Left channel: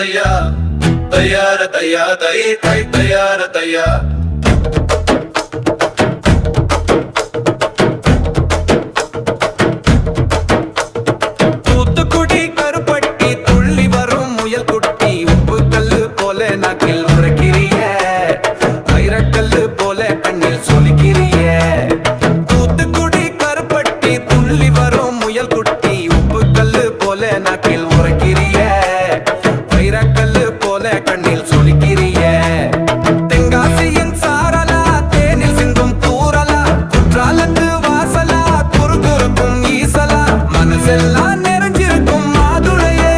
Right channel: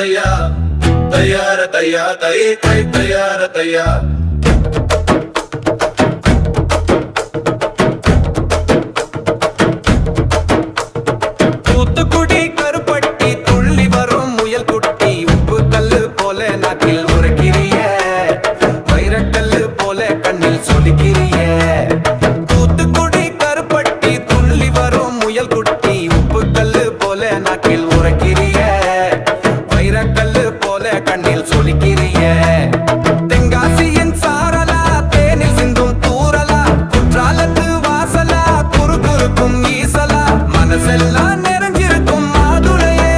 தையா தையார தையா தை தை தையார தையா. தூத்துக்குடி கருப்பட்டி துள்ளி வரும் முயல் குட்டி உப்பு கல்லு போல நாக்கில் உரக்கிறிய. வைரக்கல்லு போல கண்ணில் சொலிக்கிறிய. தூத்துக்குடி கருப்பட்டி துள்ளி வரும் முயல் குட்டி உப்பு கல்லு போல நாக்கில் உரக்கிறிய. வைரக்கல்லு போல கண்ணில் சொலிக்கிறிய. தெங்காசியின் சாரலா தேனில் சிந்தும் தூரலா குற்றாலத்து வாசலா குறு குறுக்கும் ஈசலா மனசெல்லாம் நிறைஞ்சிருக்கும் மாதுளையே.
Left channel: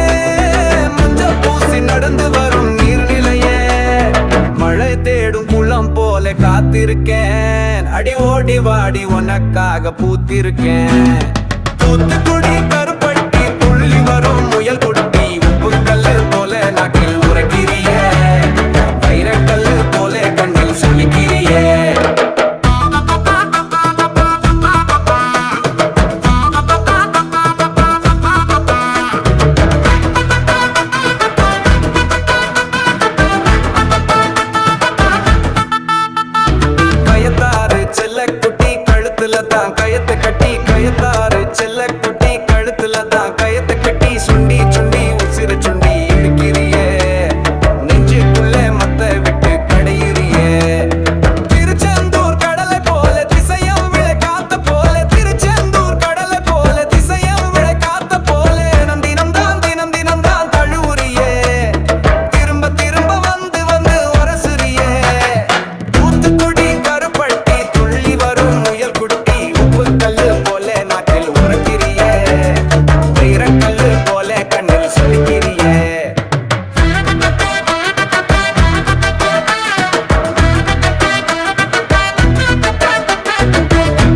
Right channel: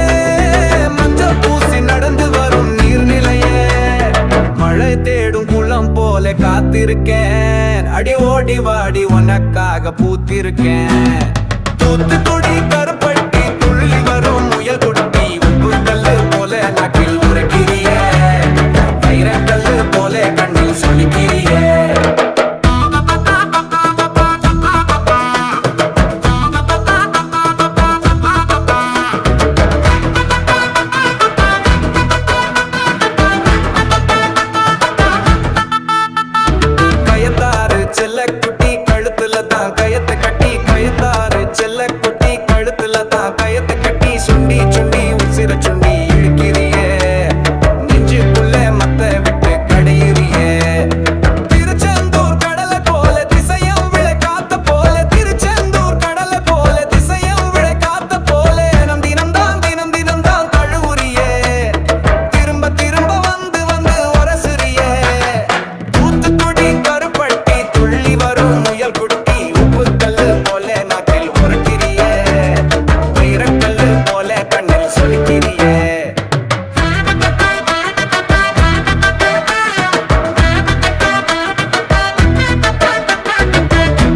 மஞ்ச பூசி நடந்து வரும் நீர்நிலையே. மழை தேடும் குளம் போல காத்திருக்கேன். அடி ஓடி வாடி உனக்காக பூத்திருக்கேன். தூத்துக்குடி கருப்பட்டி துள்ளி வரும் முயல் குட்டி போல நாக்கில் உரைக்கிறிய. வைரக்கல்லு போல கண்ணில் சொலிக்கிறிய. கயத்தாறு செல்லக்குட்டி கழுத்துல தான் கயத்தை கட்டி. கயத்தாறு செல்லக்குட்டி கழுத்துல தான் கயத்தை கட்டி. சுண்டி சுண்டி உசிர சுண்டி. துள்ளி வரும் முயல் குட்டி உப்பு கல்லு போல நாக்கில் உரக்கிறிய. வைரக்கல்லு போல கண்ணில் சொலிக்கிறிய.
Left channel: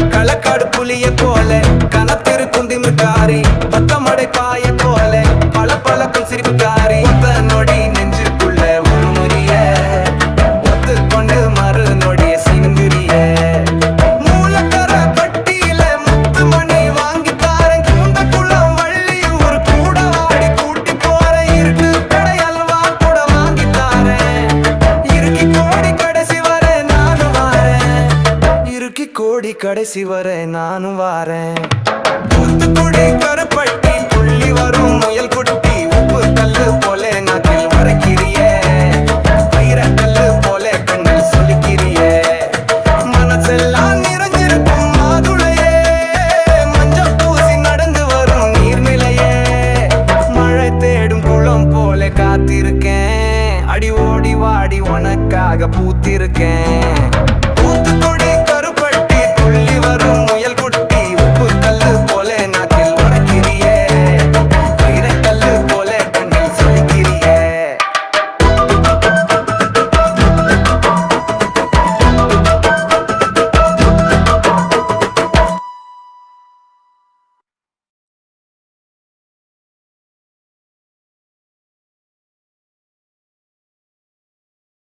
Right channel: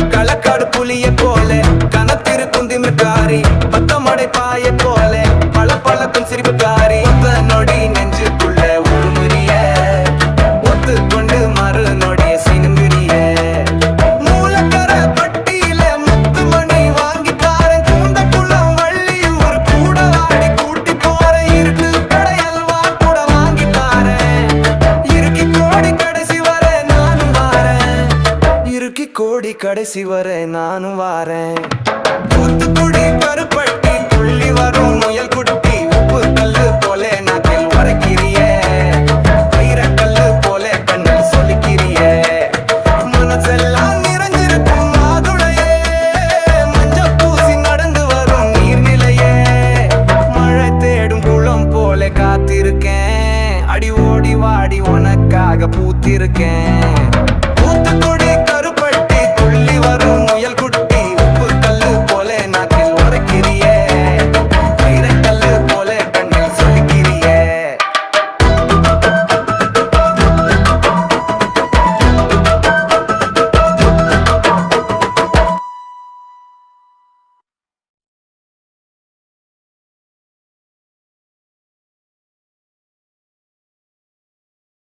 களக்காடு புலிய போல கனத்திருக்கும் திமிர்காரி பத்தமடை பாய போல பல பழக்கும் சிரிப்புக்காரி ஒத்த நொடி நெஞ்சுக்குள்ள உருமுறிய. ஒத்துக்கொண்டு மறு நொடிய சினுங்குறிய. மூலக்கர பட்டியில முத்து மணி வாங்கி தாரன் கூந்த குளம் வள்ளியூர் கூட வாடி கூட்டி போறேன். இருட்டு கடை அல்வா கூட வாங்கி தாரேன். இறுக்கி கோடி கடைசி வர நானும் வாரேன். இறுக்கி கோடி கடைசி வர நானும் வாரேன். தூத்துக்குடி கருப்பட்டி துள்ளி வரும் முயல் குட்டி. உப்பு கல்லு போல நாக்கில் உரைக்கிறியே. கல்லு போல கண்ணில் சொல்லிக்கிறியே. மனசெல்லாம் நிறைஞ்சிருக்கும் மாதுளையே. மஞ்ச பூசி நடந்து வரும் நீர்நிலையே. மழை தேடும் குளம் போல காத்திருக்கேன். அடி ஓடி வாடி உனக்காக பூத்திருக்கேன். தூத்துக்குடி கருப்பட்டி துள்ளி வரும் முயல் குட்டி. உப்பு கல்லு போல நாக்கில் உரைக்கிறியே. வைரக்கல்லு போல கண்ணில் சொலிக்கிறியே